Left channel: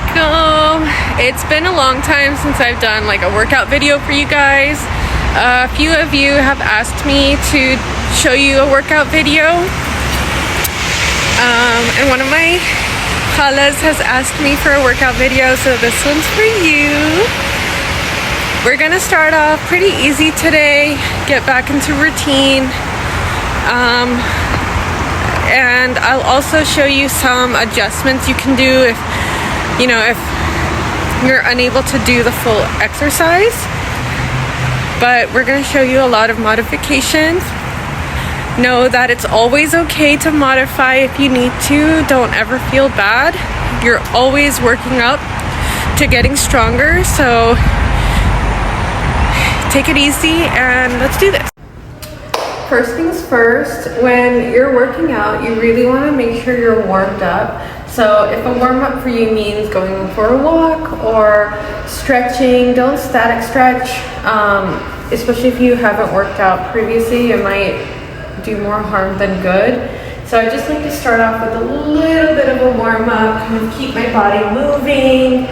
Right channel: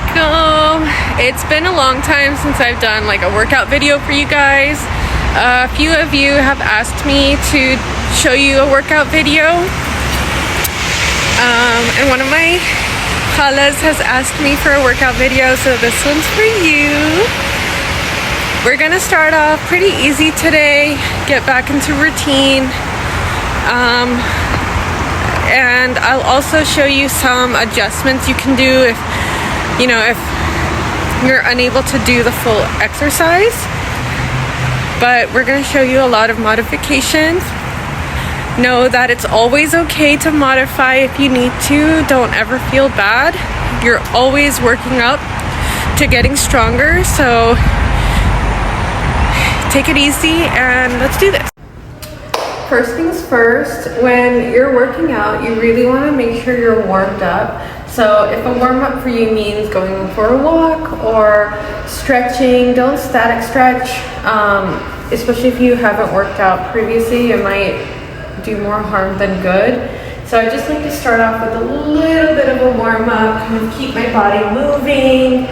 Assalamualaikum. It's been a long time since I've done like a workout video for you guys. A few of you have asked me to show you a workout video. And one of my khalas has asked me for a workout video, so this one's for you. We're gonna start off pretty easy today, get back into routine. And I'll also show you some adjustments you can do if you're unable to do the full exercise. But we're going to show you a lot of modifications. Know that it's always okay to modify if you need to. Don't ever feel bad. You're always working up to getting stronger. So take it easy and let's do this. First things first, when you're working out, you really want to make sure you're warmed up. So if a warm-up for you means going for a walk or stretching, don't static stretch, especially if you haven't worked out previously. It might do more harm than good. So I just like to start off with a little bit of a warm-up, kind of keep my body moving,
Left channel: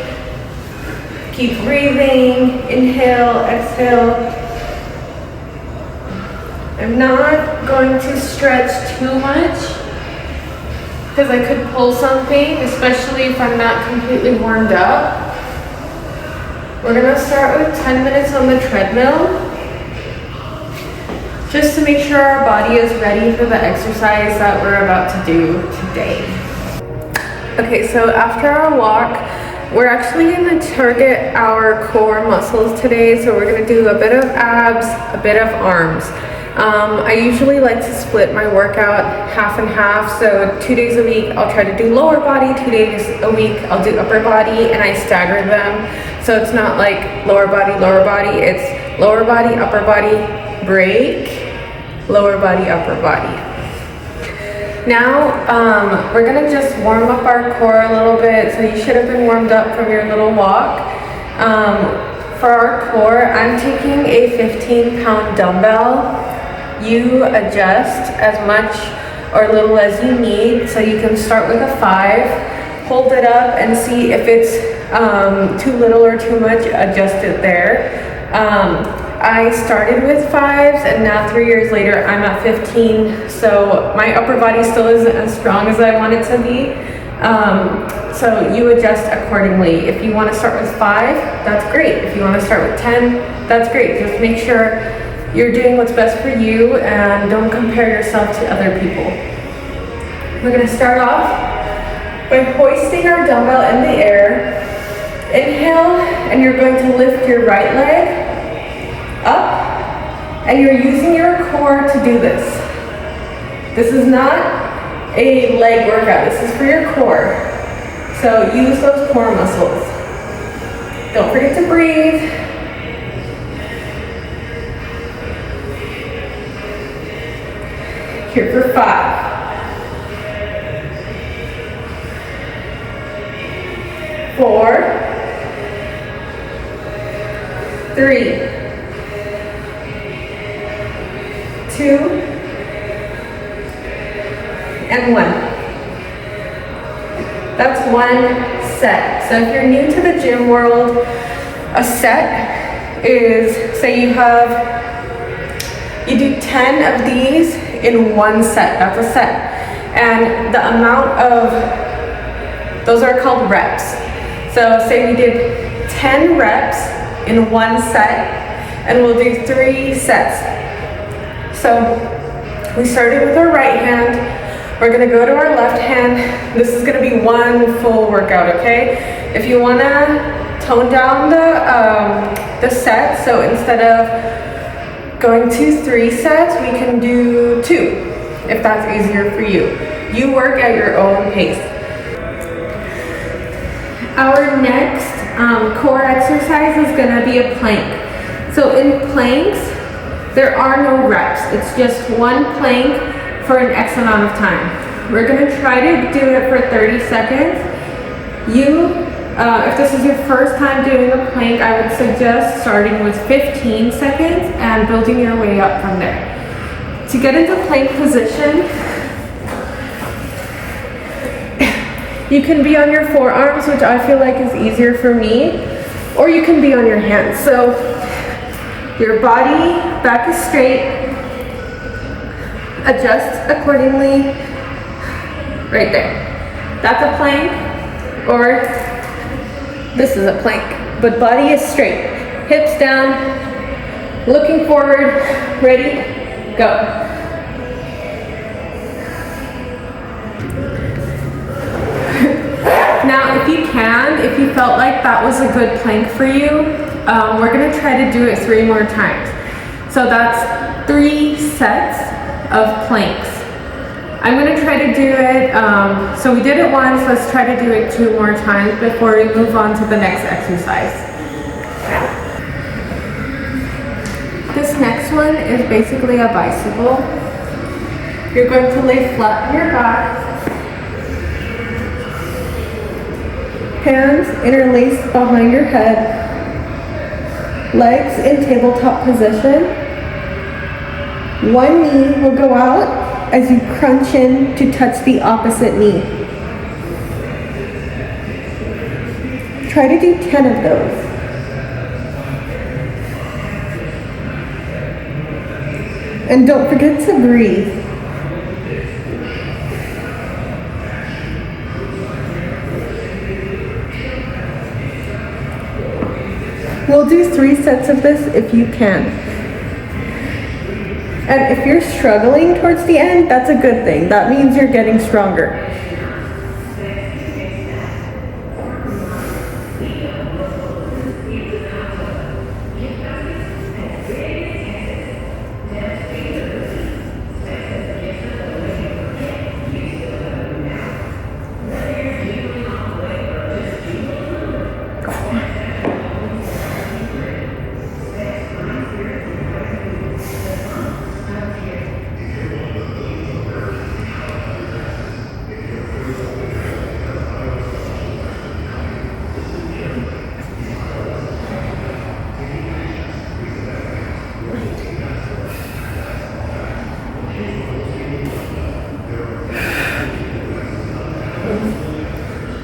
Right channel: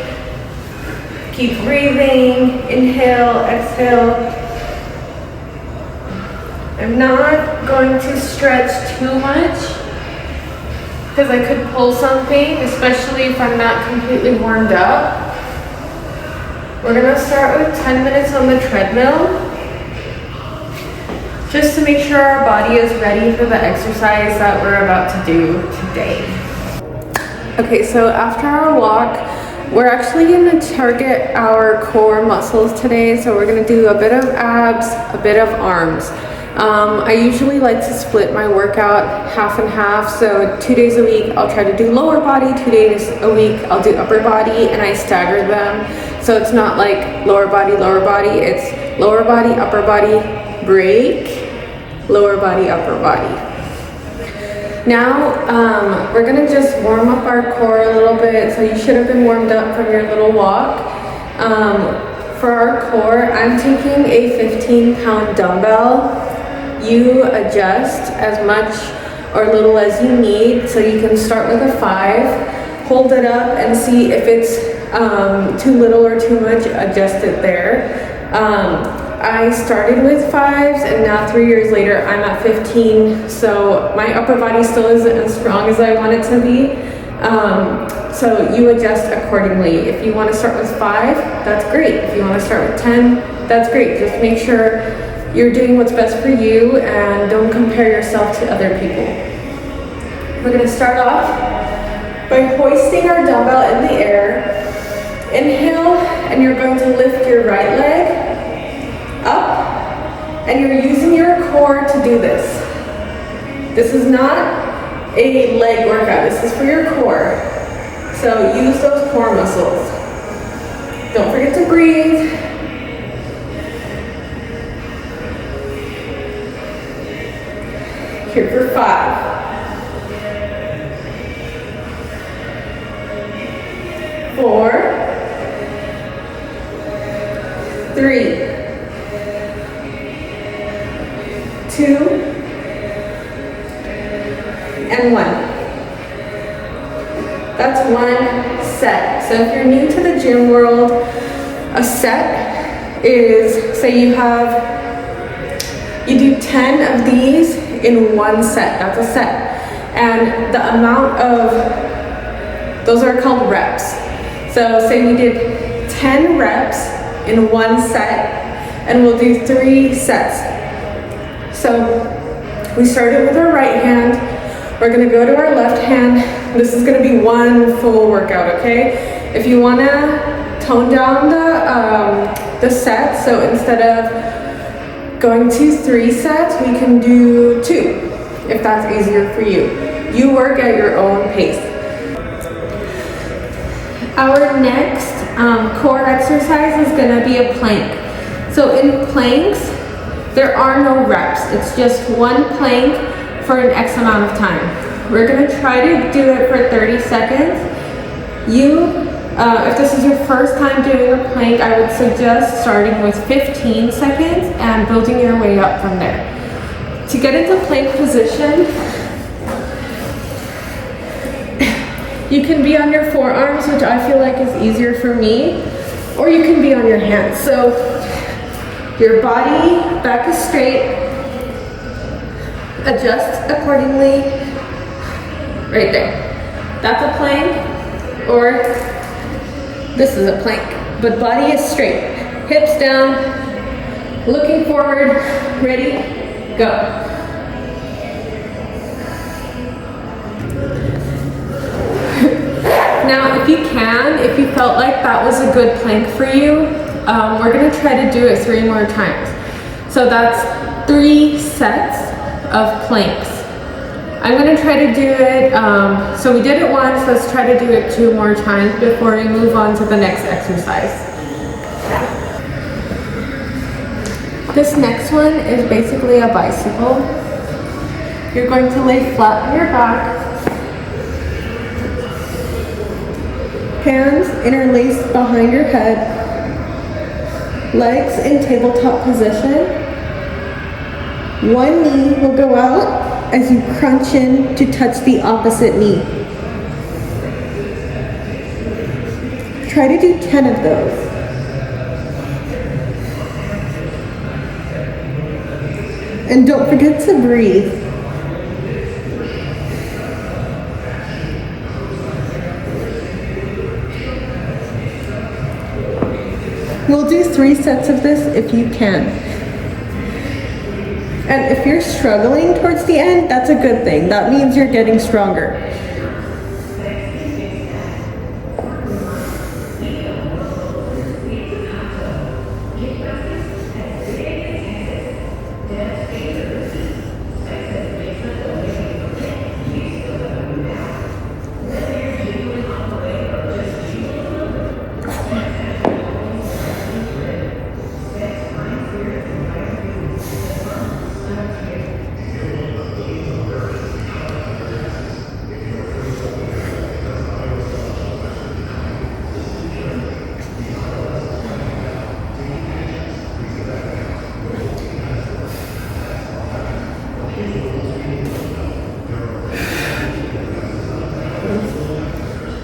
keep breathing, inhale, exhale. I'm not going to stretch too much because I could pull something, especially if I'm not completely warmed up. We're gonna start with 10 minutes on the treadmill, just to make sure our body is ready for the exercise that we're about to do today. Okay, so after our walk, we're actually gonna target our core muscles today. So we're gonna do a bit of abs, a bit of arms. I usually like to split my workout half and half. So 2 days a week, I'll try to do lower body. 2 days a week, I'll do upper body, and I stagger them. So it's not like lower body, it's lower body, upper body, break, lower body, upper body. Now, we're gonna just warm up our core a little bit. So you should have been warmed up from your little walk. For our core, I'm taking a 15-pound dumbbell. You adjust as much or little as you need. So you can start with a 5, hold it up and see if it's too little or too much, adjust it there. I started with 5s and now 3 years later I'm at 15. So my upper body still isn't as strong as I want it to be. So you adjust accordingly. If you want to start with 5, that's great. If you want to start with 10, that's great. Just make sure you're doing what's best for you and don't compare yourself to other people. We're going to start off by hoisting our dumbbell in the air. Inhale, and you're going to lift your right leg up, and you're using your core to do this. This is not a leg workout. This is for your core. So use those core muscles. Don't forget to breathe. Here for 5. 4, 3, 2, and 1. That's one set. So if you're new to the gym world, a set is, say you do 10 of these in one set. That's a set. And the amount of, those are called reps. So say we did 10 reps in one set, and we'll do 3 sets. So we started with our right hand. We're gonna go to our left hand. This is gonna be one full workout, okay? If you wanna tone down the set, so instead of going to 3 sets, we can do 2, if that's easier for you. You work at your own pace. Our next core exercise is gonna be a plank. So in planks, there are no reps. It's just one plank for an X amount of time. We're gonna try to do it for 30 seconds. If this is your first time doing a plank, I would suggest starting with 15 seconds and building your way up from there. To get into plank position, You can be on your forearms, which I feel like is easier for me, or you can be on your hands. So your body back is straight, adjust accordingly. Right there. That's a plank, or this is a plank, but body is straight. Hips down, looking forward, ready, go. Now, if you felt like that was a good plank for you, we're gonna try to do it 3 more times. So that's 3 sets of planks. I'm gonna try to do it, so we did it once, let's try to do it 2 more times before we move on to the next exercise. This next one is basically a bicycle. You're going to lay flat on your back. Hands interlaced behind your head. Legs in tabletop position. One knee will go out as you crunch in to touch the opposite knee. Try to do 10 of those. And don't forget to breathe. We'll do 3 sets of this if you can. And if you're struggling towards the end, that's a good thing. That means you're getting stronger.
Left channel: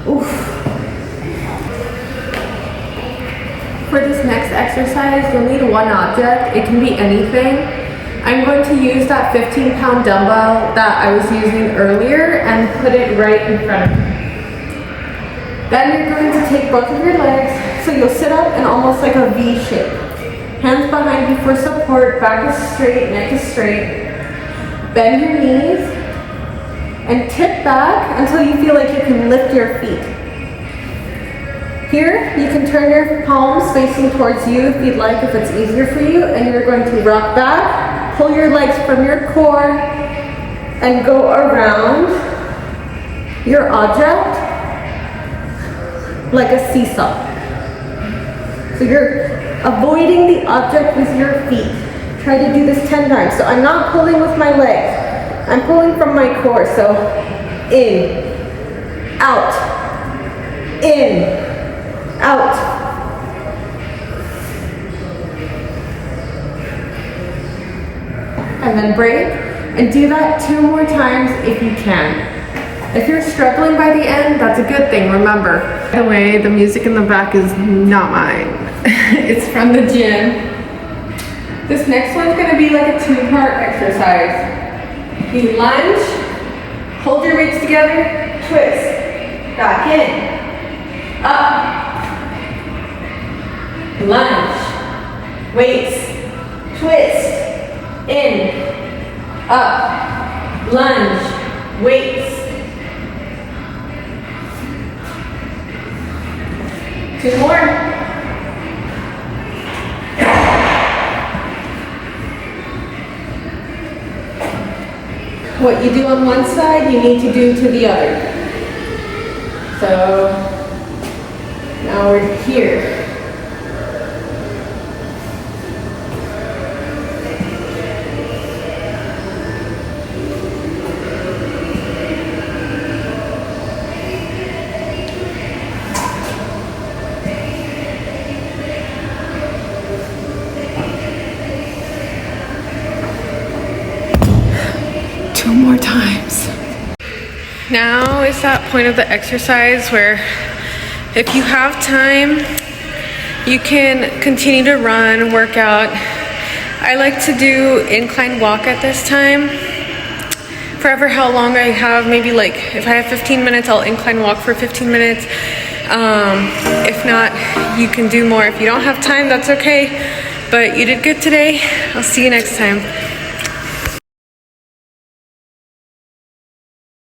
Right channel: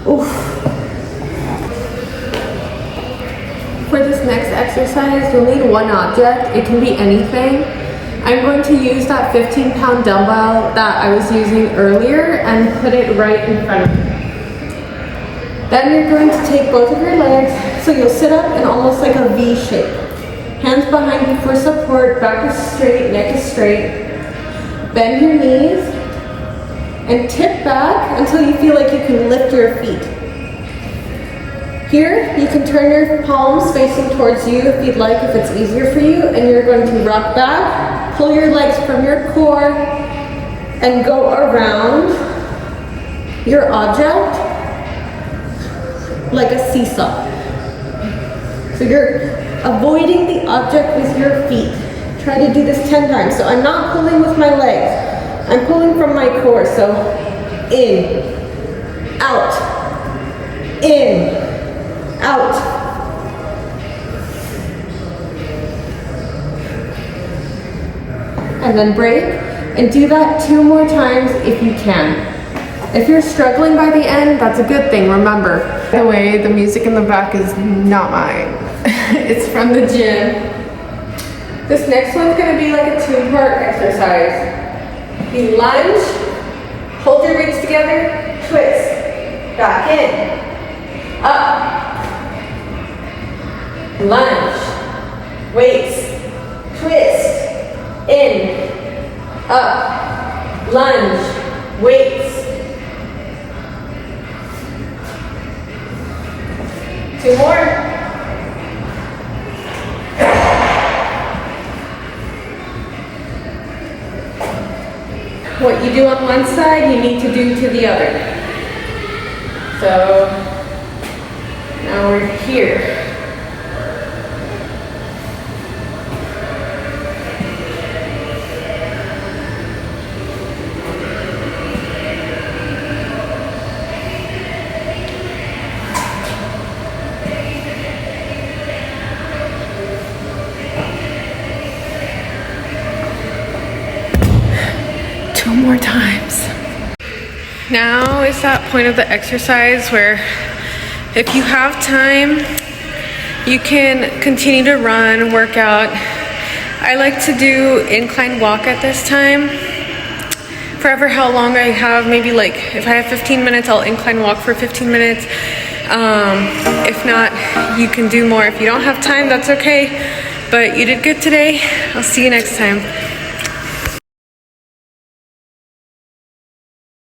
Oof. For this next exercise, you'll need one object. It can be anything. I'm going to use that 15-pound dumbbell that I was using earlier and put it right in front of me. Then you're going to take both of your legs, so you'll sit up in almost like a V shape. Hands behind you for support, back is straight, neck is straight. Bend your knees and tip back until you feel like you can lift your feet. Here, you can turn your palms facing towards you if you'd like, if it's easier for you, and you're going to rock back, pull your legs from your core, and go around your object like a seesaw. So you're avoiding the object with your feet. Try to do this 10 times. So I'm not pulling with my legs. I'm pulling from my core. So in, out, in, out. And then break and do that 2 more times if you can. If you're struggling by the end, that's a good thing, remember. By the way, the music in the back is not mine. It's from the gym. This next one's gonna be like a 2-part exercise. You lunge, hold your weights together, twist, back in, up, lunge, weights, twist, in, up, lunge, weights. 2 more. What you do on one side, you need to do to the other. So now we're here. More times. Now is that point of the exercise where if you have time, you can continue to run, work out. I like to do incline walk at this time. Forever how long I have, maybe like if I have 15 minutes, I'll incline walk for 15 minutes. If not, you can do more. If you don't have time, that's okay. But you did good today. I'll see you next time.